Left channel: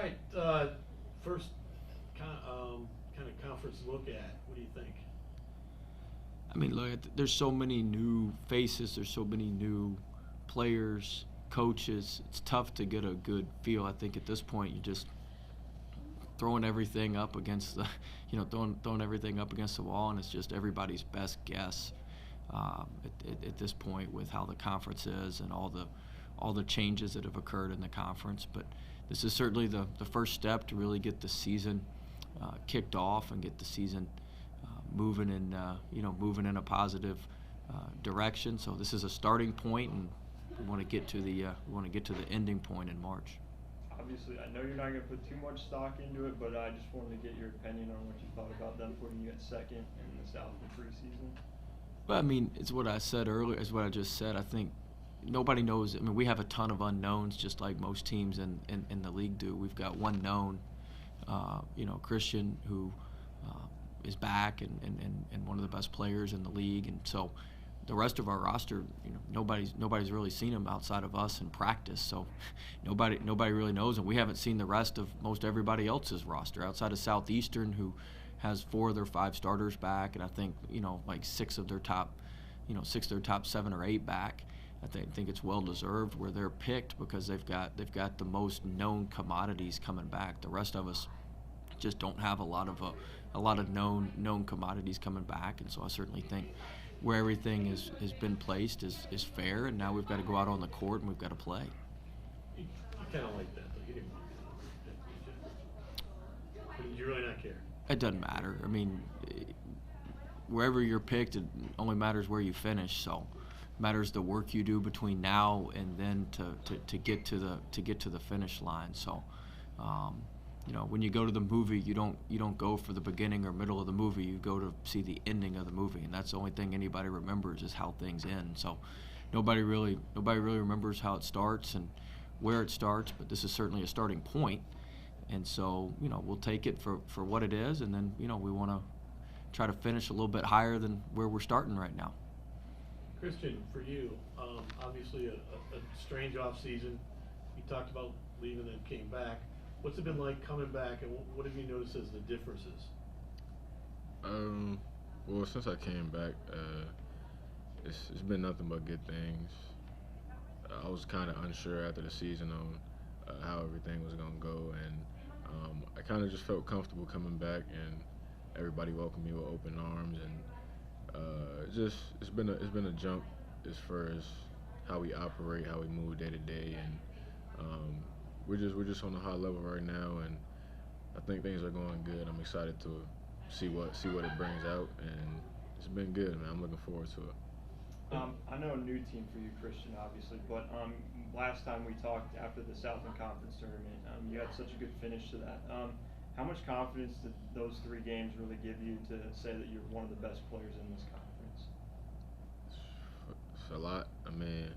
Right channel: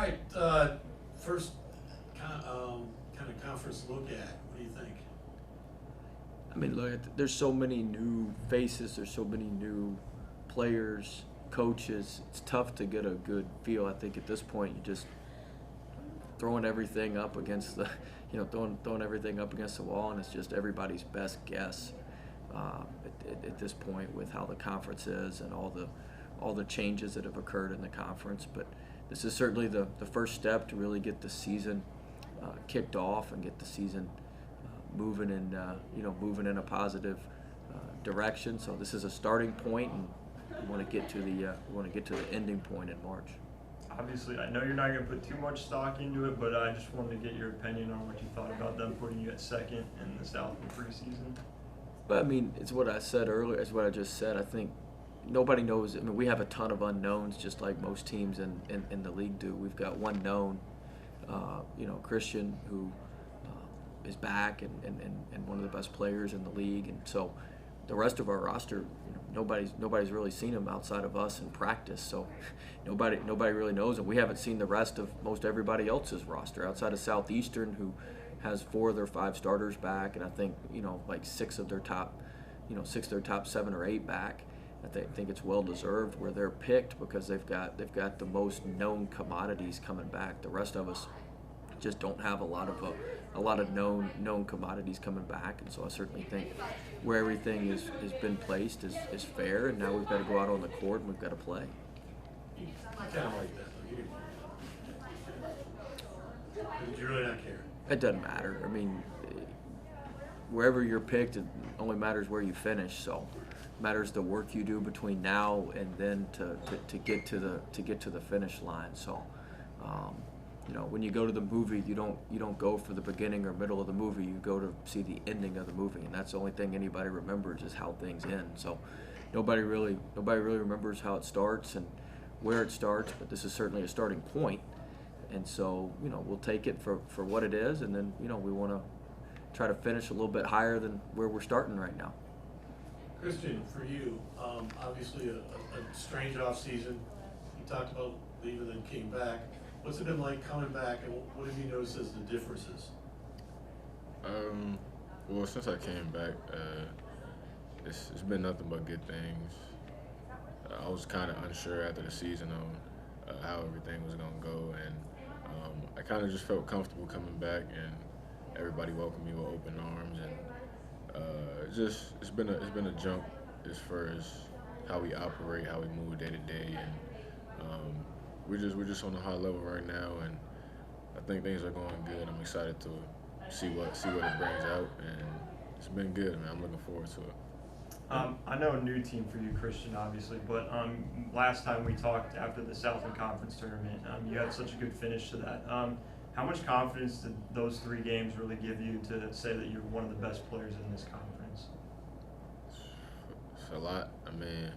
All right, first kind of conference look at. What do you think? I mean, look, there's so many new faces. There's so many new players, coaches. It's tough to get a good feel. I think at this point, you're just throwing everything up against the, throwing everything up against the wall, and it's just everybody's best guess at this point with how the conference is and all the changes that have occurred in the conference. But this is certainly the first step to really get the season kicked off and get the season moving in a positive direction. So this is a starting point, and we want to get to the ending point in March. Obviously, I know you're not going to put too much stock into it, but I just wanted to get your opinion on what you thought about them putting you at second in the Southland preseason. But I mean, it's what I said earlier. It's what I just said. I think nobody knows. I mean, we have a ton of unknowns, just like most teams in the league do. We've got one known, Christian, who is back and one of the best players in the league, and so the rest of our roster, nobody's really seen him outside of us in practice. So nobody really knows him. We haven't seen the rest of most everybody else's roster outside of Southeastern, who has 4 of their 5 starters back, and I think like 6 of their top 7 or 8 back. I think it's well deserved where they're picked because they've got the most known commodities coming back. The rest of us just don't have a lot of known commodities coming back, and so I certainly think where everything has been placed is fair, and now we've got to go out on the court and we've got to play. You kind of like that. You really not care. It doesn't matter. I mean, wherever you're picked, it only matters where you finish. So, it matters the work you do between now and then to get to the finish line. So, when you go to the movie, you don't go for the beginning or middle of the movie. You go to see the ending of the movie, and that's the only thing anybody remembers is how things end. So, nobody really remembers how it starts and where it starts, but this is certainly a starting point. And so, we'll take it for what it is, and then, we want to try to finish a little bit higher than where we're starting right now. Christian, for you, obviously a strange offseason. You talked about leaving and came back. What's it been like coming back, and what have you noticed as the differences? Well, since I came back, it's been nothing but good things. I was kind of unsure after the season on how everything was going to go, and I kind of just felt comfortable coming back, and everybody welcomed me with open arms, and it's been a jump as far as how we operate, how we move day to day, and we're just on a high level right now, and I think things are going good. I'm excited to see what it brings out, and it's been good, man. I'm looking forward to it. I know a new team for you, Christian, obviously, but last time we talked after the Southland Conference tournament, you had such a good finish to that. How much confidence did those 3 games really give you to say that you're one of the best players in this conference? It's a lot. I mean,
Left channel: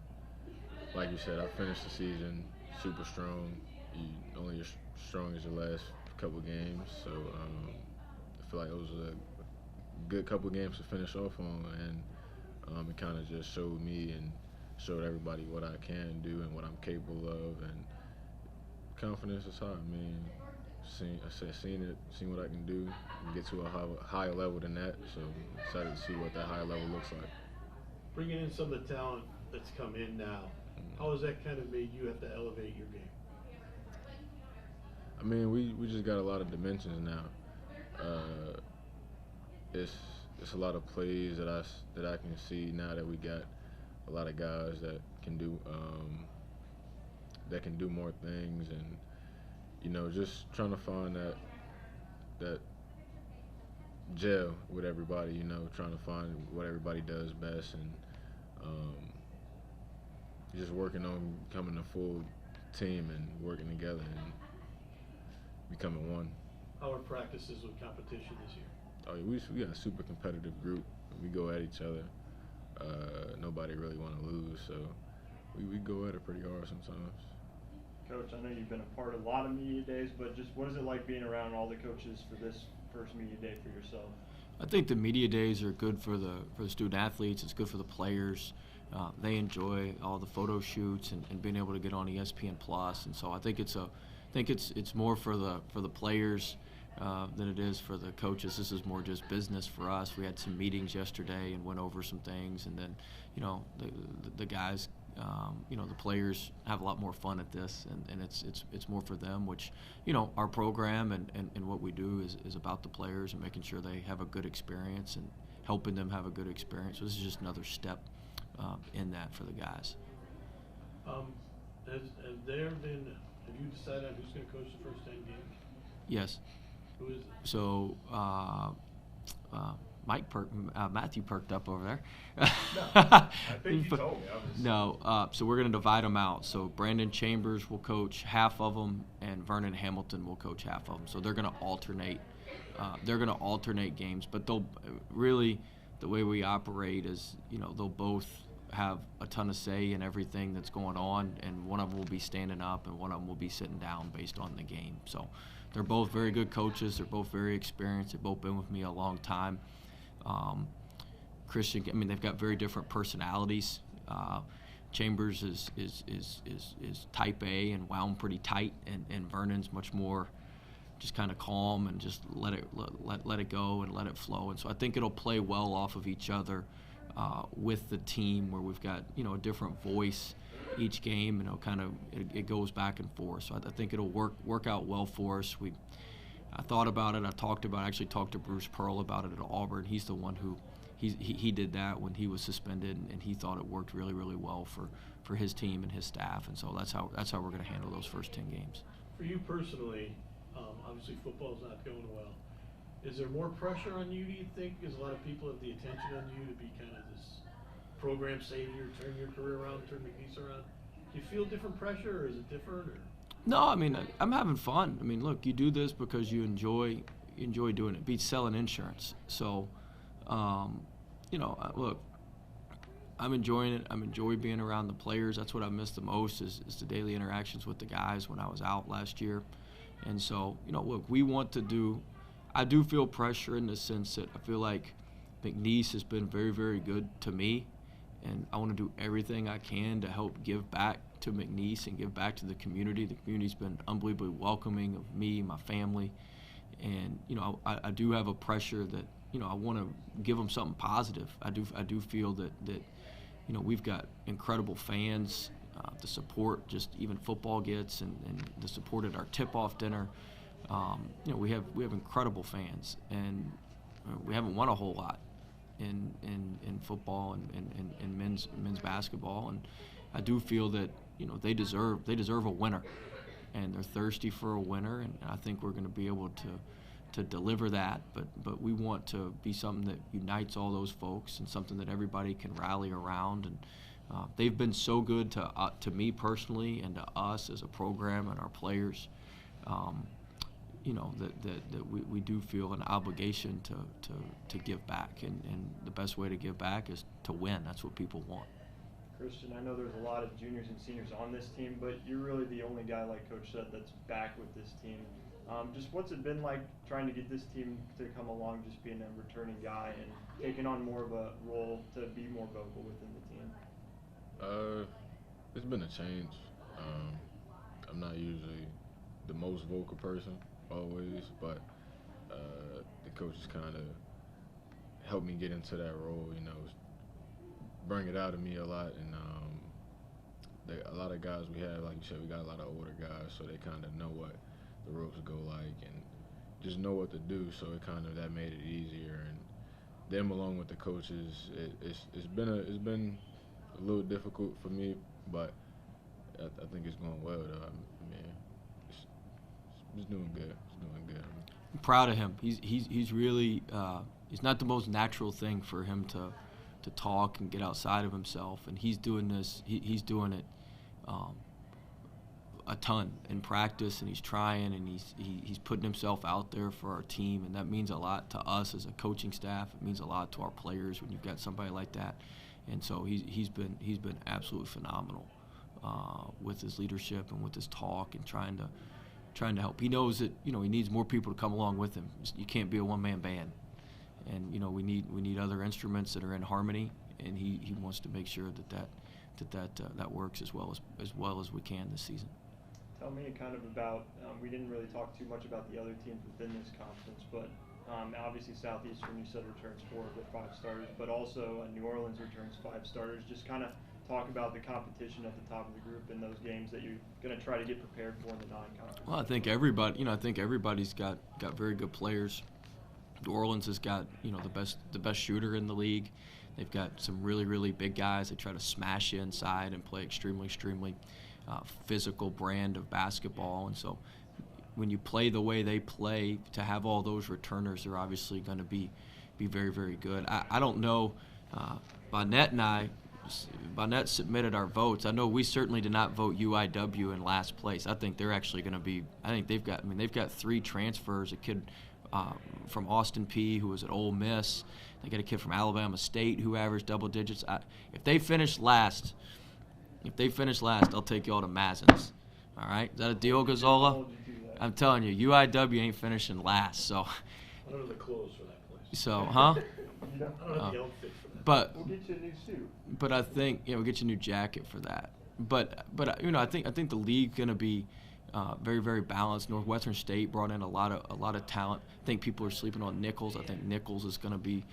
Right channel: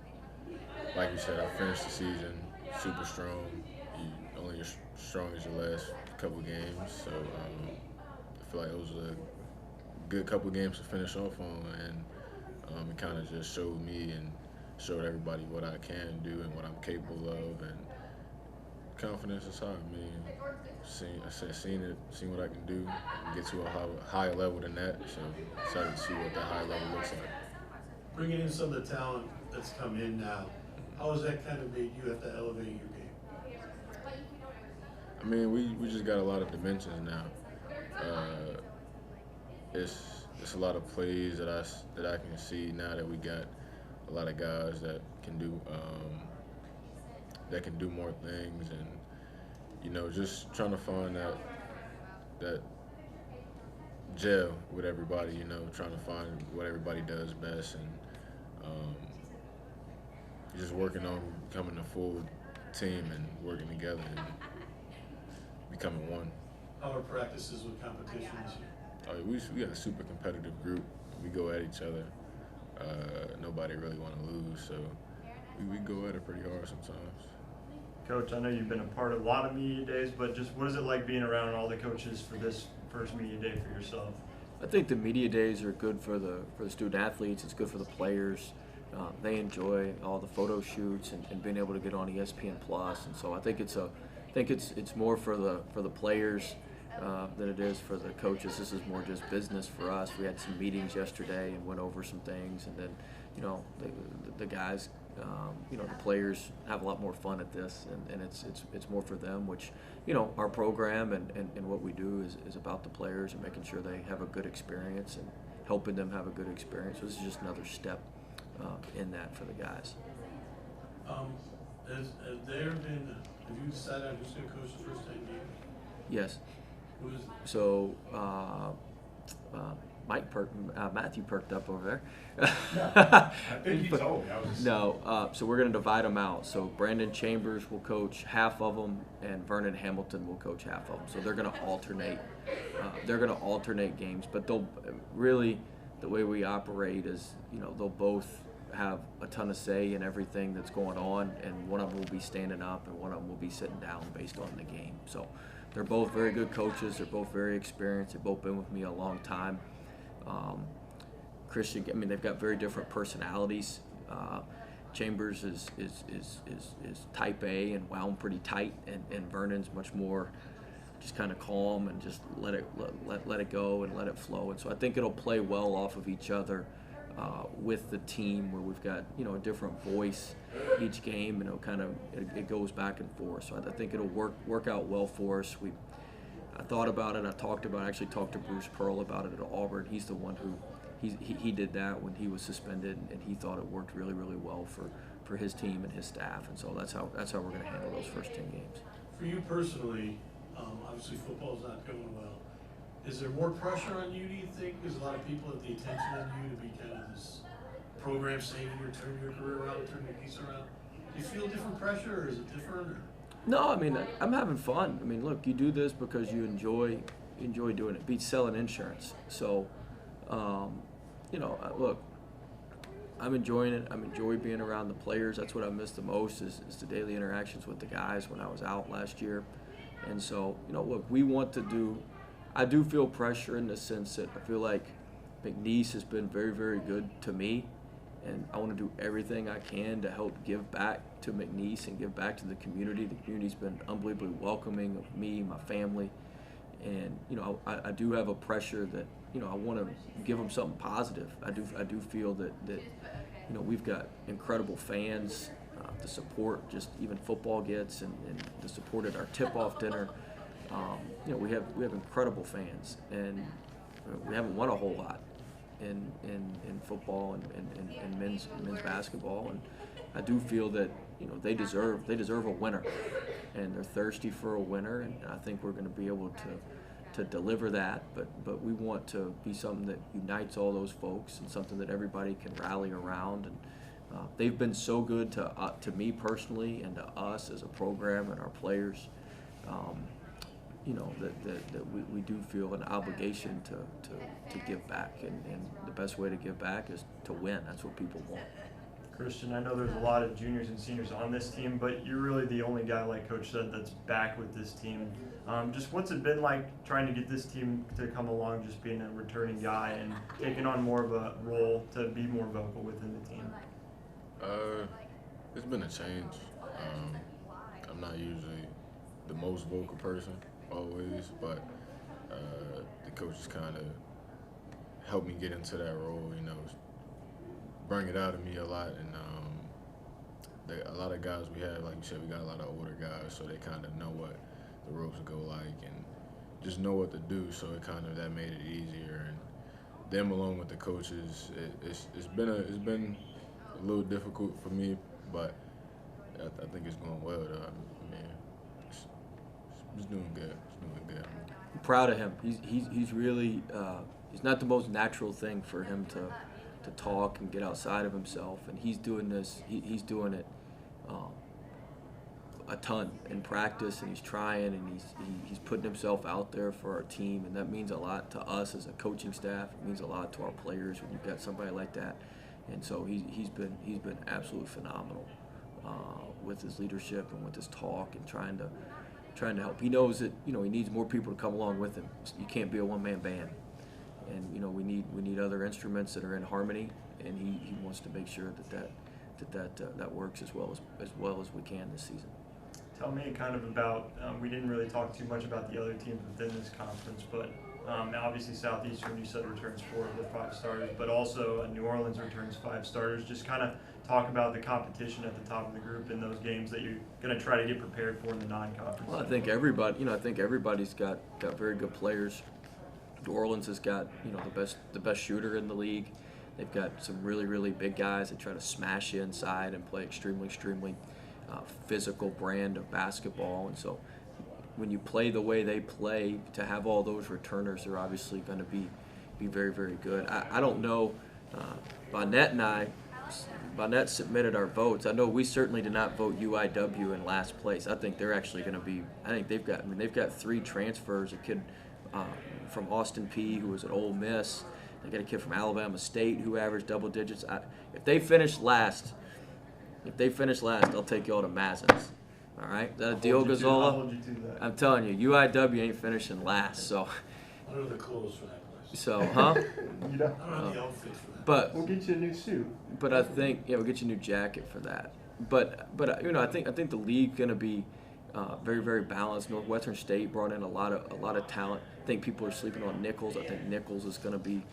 like you said, I finished the season super strong. You only as strong as your last couple games, so I feel like it was a good couple games to finish off on, and it kind of just showed me and showed everybody what I can do and what I'm capable of, and confidence is high. I mean, seen what I can do and get to a higher level than that, so excited to see what that higher level looks like. Bringing in some of the talent that's come in now, how has that kind of made you have to elevate your game? I mean, we just got a lot of dimensions now. It's a lot of plays that I can see now that we got a lot of guys that can do more things, and just trying to find that gel with everybody. Trying to find what everybody does best, and just working on becoming a full team and working together and becoming one. How are practices with competition this year? We got a super competitive group. We go at each other. Nobody really want to lose, so we go at it pretty hard sometimes. Coach, I know you've been a part of a lot of media days, but just what is it like being around all the coaches for this first media day for yourself? I think the media days are good for the student athletes. It's good for the players. They enjoy all the photo shoots and being able to get on ESPN Plus, and so I think it's think it's more for the players than it is for the coaches. This is more just business for us. We had some meetings yesterday and went over some things, and then the guys, the players have a lot more fun at this, and it's more for them, which our program and what we do is about the players and making sure they have a good experience and helping them have a good experience. So this is just another step in that for the guys. Have you decided who's going to coach the first 10 games? Yes. Who is it? So Matthew perked up over there. I think he told me. So we're going to divide them out. So Brandon Chambers will coach half of them, and Vernon Hamilton will coach half of them. So they're going to alternate. Games, but they'll really, the way we operate is, they'll both have a ton of say in everything that's going on, and one of them will be standing up and one of them will be sitting down based on the game. So they're both very good coaches. They're both very experienced. They've both been with me a long time. Christian, they've got very different personalities. Chambers is type A and wound pretty tight, and Vernon's much more just kind of calm and just let it go and let it flow. And so I think it'll play well off of each other with the team, where we've got a different voice each game, and it goes back and forth. So I think it'll work out well for us. I thought about it. I actually talked to Bruce Pearl about it at Auburn. He's the one who he did that when he was suspended, and he thought it worked really, really well for his team and his staff. And so that's how we're going to handle those first 10 games. For you personally, obviously football's not going well. Is there more pressure on you, do you think? Because a lot of people have the attention on you to be kind of this program savior, turn your career around, turn your piece around. Do you feel different pressure, or is it different? Or? No, I'm having fun. Look, you do this because you enjoy doing it. It beats selling insurance. So, look, I'm enjoying it. I'm enjoying being around the players. That's what I miss the most is the daily interactions with the guys when I was out last year. And so, look, I do feel pressure in the sense that I feel like McNeese has been very, very good to me, and I want to do everything I can to help give back to McNeese and give back to the community. The community's been unbelievably welcoming of me, my family, and I do have a pressure that I want to give them something positive. I do feel that we've got incredible fans. The support just even football gets, and the support at our tip-off dinner. We have incredible fans, and we haven't won a whole lot in football and men's basketball, and I do feel that they deserve a winner, and they're thirsty for a winner, and I think we're going to be able to deliver that, but we want to be something that unites all those folks and something that everybody can rally around. And they've been so good to me personally and to us as a program and our players. That we do feel an obligation to give back, and the best way to give back is to win. That's what people want. Christian, I know there's a lot of juniors and seniors on this team, but you're really the only guy, like Coach said, that's back with this team. Just what's it been like trying to get this team to come along, just being a returning guy and taking on more of a role to be more vocal within the team? It's been a change. I'm not usually the most vocal person always, but the coaches kind of helped me get into that role, bring it out of me a lot. And a lot of guys we have, like you said, we got a lot of older guys, so they kind of know what the ropes go like and just know what to do, so that made it easier. And them along with the coaches, it's been a little difficult for me, but I think it's going well though. It's doing good. I'm proud of him. He's really it's not the most natural thing for him to talk and get outside of himself, and he's doing this. He's doing it a ton in practice, and he's trying, and he's putting himself out there for our team, and that means a lot to us as a coaching staff. It means a lot to our players when you've got somebody like that, and so he's been absolutely phenomenal with his leadership and with his talk and trying to help. He knows that he needs more people to come along with him. You can't be a one-man band, and we need other instruments that are in harmony, and he wants to make sure that works as well as we can this season. tell me kind of about, we didn't really talk too much about the other teams within this conference, but obviously Southeastern, you said, returns 4 of their 5 starters, but also New Orleans returns 5 starters. Just kind of talk about the competition at the top of the group in those games that you're going to try to get prepared for in the non-conference. Well, I think everybody's got very good players. New Orleans has got, the best shooter in the league. They've got some really big guys that try to smash you inside and play extremely physical brand of basketball. And so when you play the way they play, to have all those returners, they're obviously going to be very good. I don't know. Bonnet submitted our votes. I know we certainly did not vote UIW in last place. I think they're actually going to be. I think they've got 3 transfers. A kid from Austin P who was at Ole Miss. They got a kid from Alabama State who averaged double digits. If they finish last, I'll take y'all to Mazins. All right, is that a deal, Gazzola? I'm telling you, UIW ain't finishing last. So. What are the clothes for that place? So, huh? You know? I don't know the outfit for that. But We'll get you a new suit. But I think we'll get you a new jacket for that. But I think the league's gonna be very balanced. Northwestern State brought in a lot of talent. I think people are sleeping on Nichols. I think Nichols is gonna be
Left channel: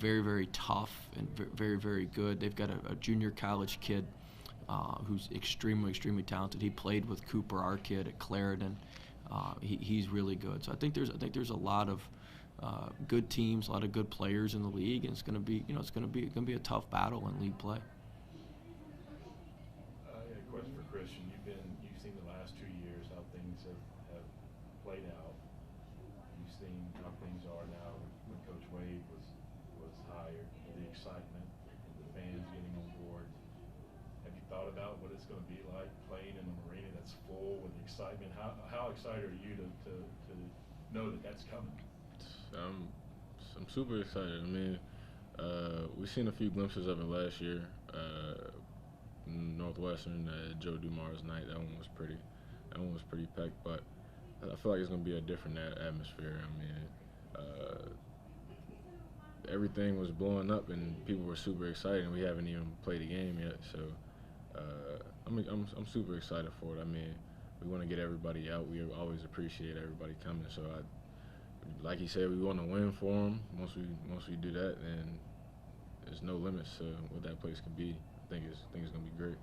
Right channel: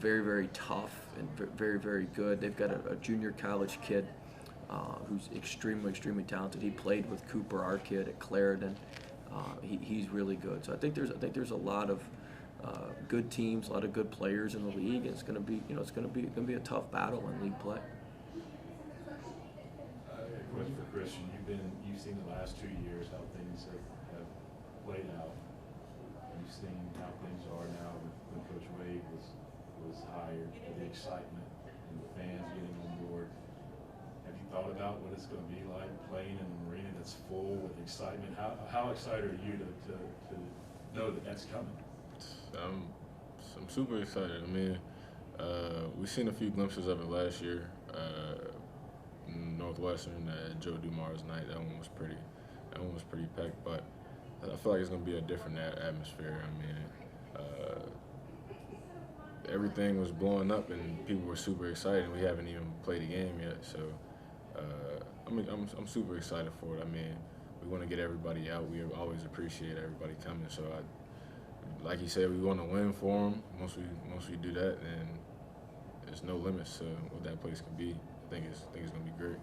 very tough and very good. They've got a junior college kid who's extremely talented. He played with Cooper, our kid, at Clarendon. He's really good. So I think there's a lot of good teams, a lot of good players in the league, and it's going to be a tough battle in league play. I got a question for Christian. You've seen the last 2 years how things have played out. You've seen how things are now when Coach Wade was hired, the excitement and the fans getting on board. Have you thought about what it's going to be like playing in an arena that's full with excitement? How excited are you to know that that's coming? I'm super excited. I mean, we've seen a few glimpses of it last year. Northwestern at Joe Dumar's night. That one was pretty packed. But I feel like it's gonna be a different atmosphere. I mean, everything was blowing up and people were super excited. And we haven't even played a game yet. So, I'm super excited for it. I mean, we want to get everybody out. We always appreciate everybody coming. So like you said, we want to win for them. Once we do that, and there's no limits to what that place can be. I think it's gonna be great.